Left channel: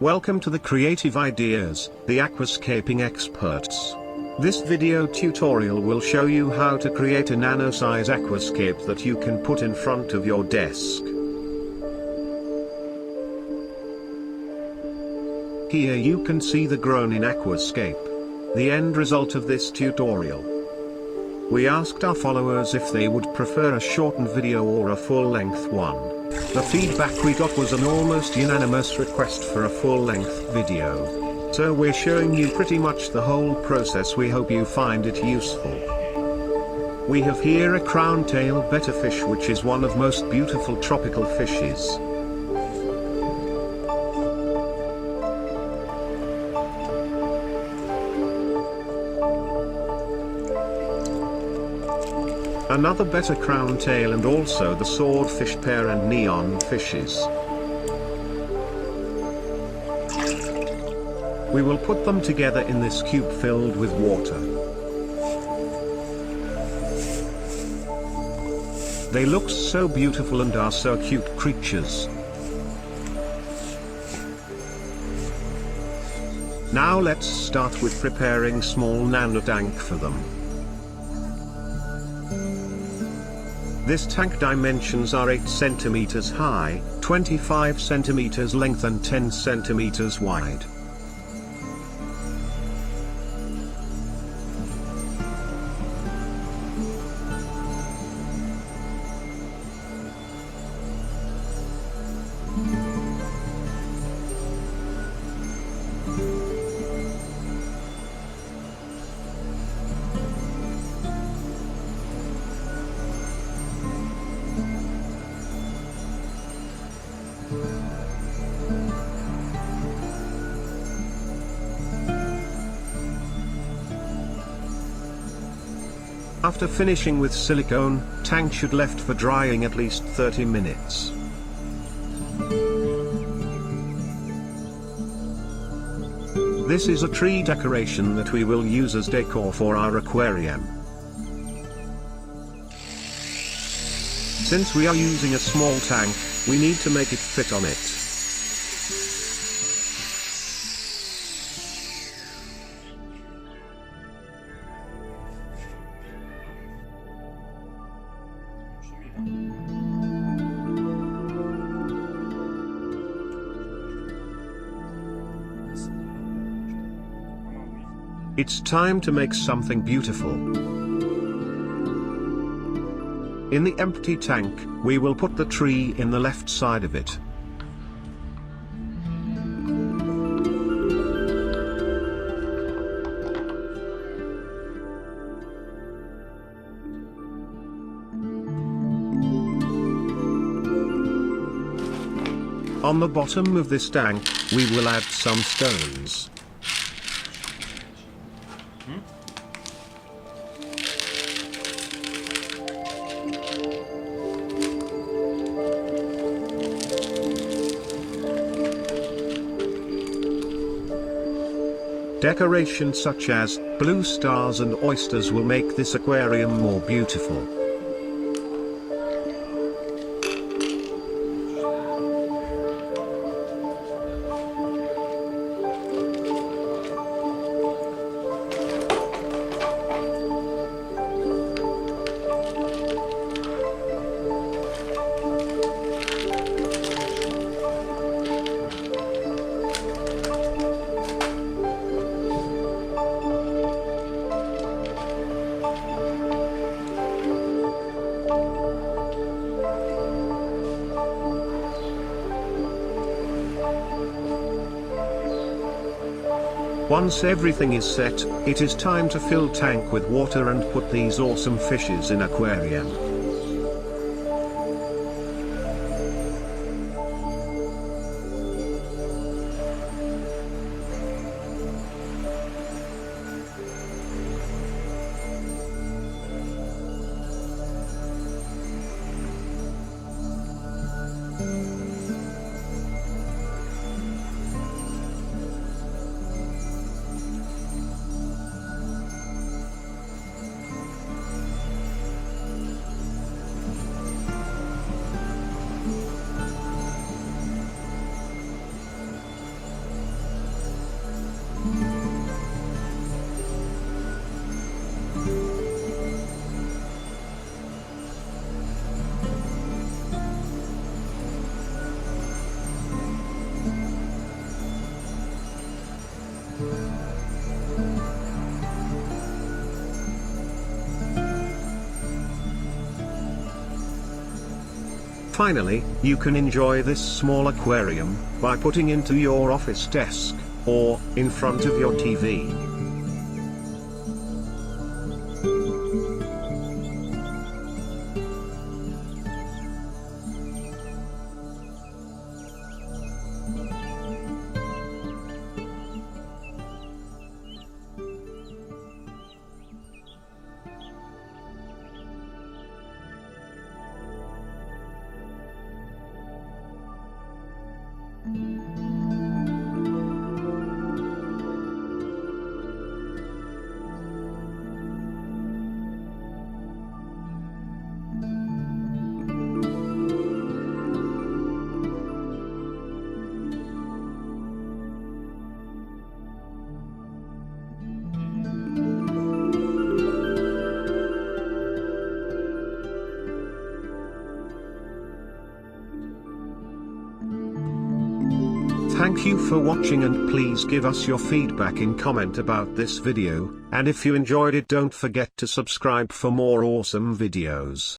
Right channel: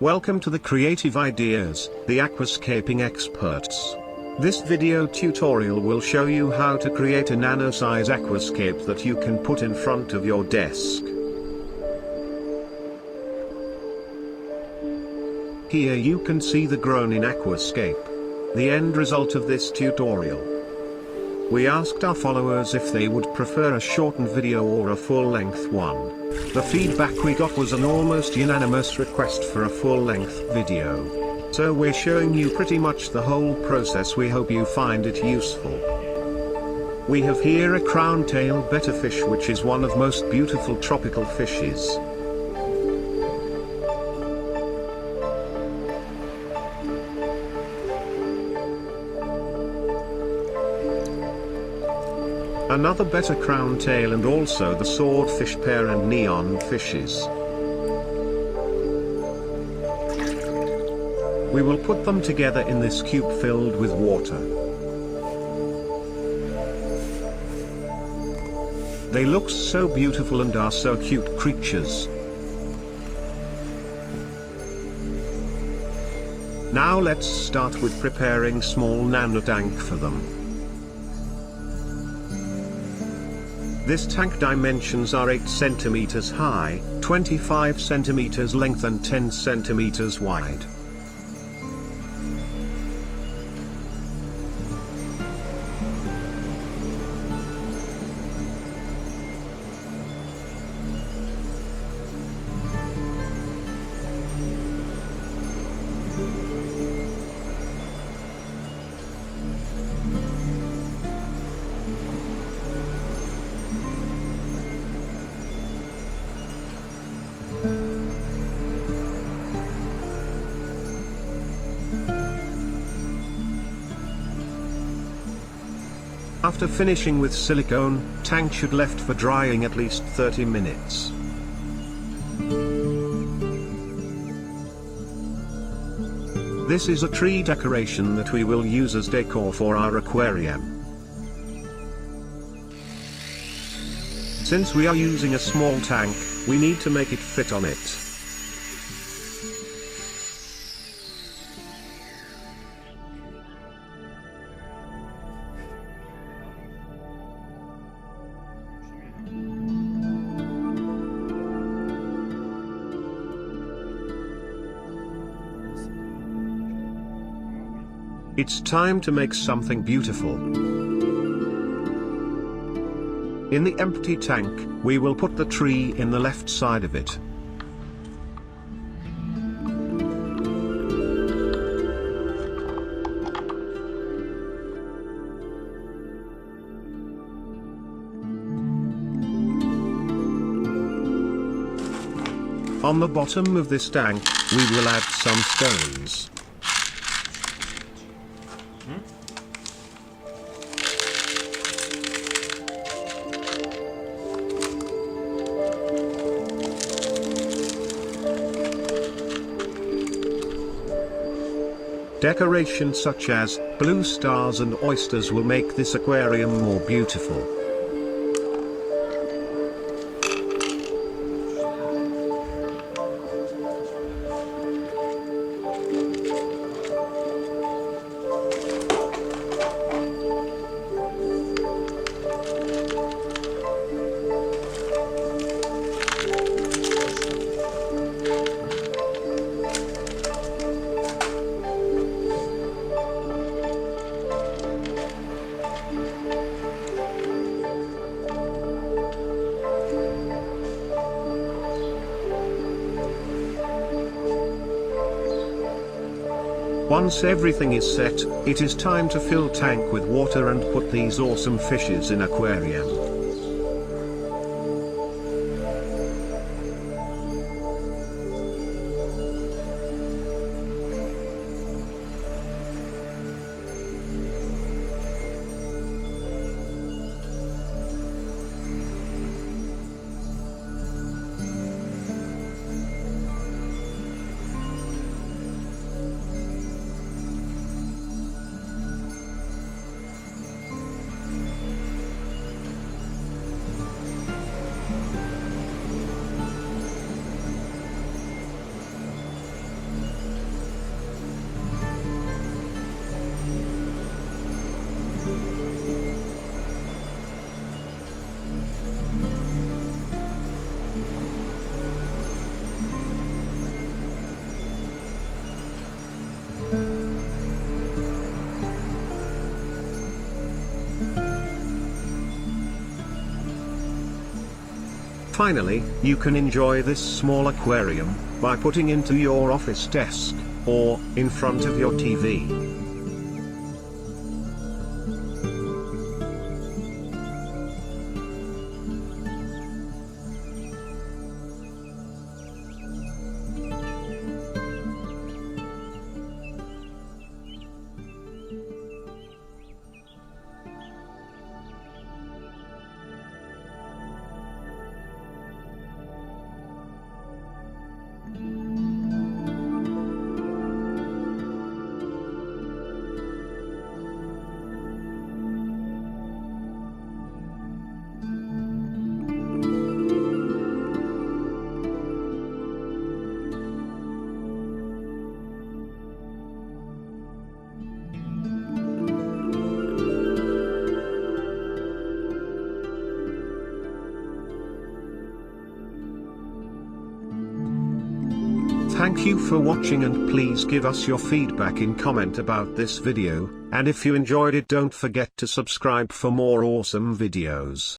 Welcome to the Creative Ideas, the Aquascaping experts. This video tutorial will show you how to create a nano-size aquascape that you can put in front of your desk. Here you can see the grown-in Aquascape. The end result of this tutorial. We asked our followers if they would prefer a shortened video or a full-length one. The feedback we got was an almost unanimous request for a full-length video. So we're showing you pretty much the whole process. We hope you find it useful. We have here a crown-tail betterfish, which is one of most beautiful tropical fishes. Another better crown tail, and also the swordfish pair and neon fishes. We will put them together in this cube filled with water. They look so beautiful and are so cute creatures. Now let's start with preparing small nano tank for them. This tank dimensions are 8 cm high, 25 cm length and 10 cm wide. After finishing with silicone, tank should left for drying at least 30 minutes. This is a tree decoration that we will use as decor for our aquarium. Since we are using a small tank, we need to make it fit on it. It's time to make something beautiful. In the empty tank, we will put the tree in the left side of it. On the bottom of this tank, we will add some stones. Decorations such as blue stars and oysters will make this aquarium more beautiful. Once everything is set, it is time to fill tank with water and put these awesome fishes in aquarium. Finally, you can enjoy this small aquarium by putting into your office desk, or in front of your TV. Thank you for watching, and please give us your feedback in comment about this video, and if you enjoyed it, don't forget to subscribe for more awesome videos.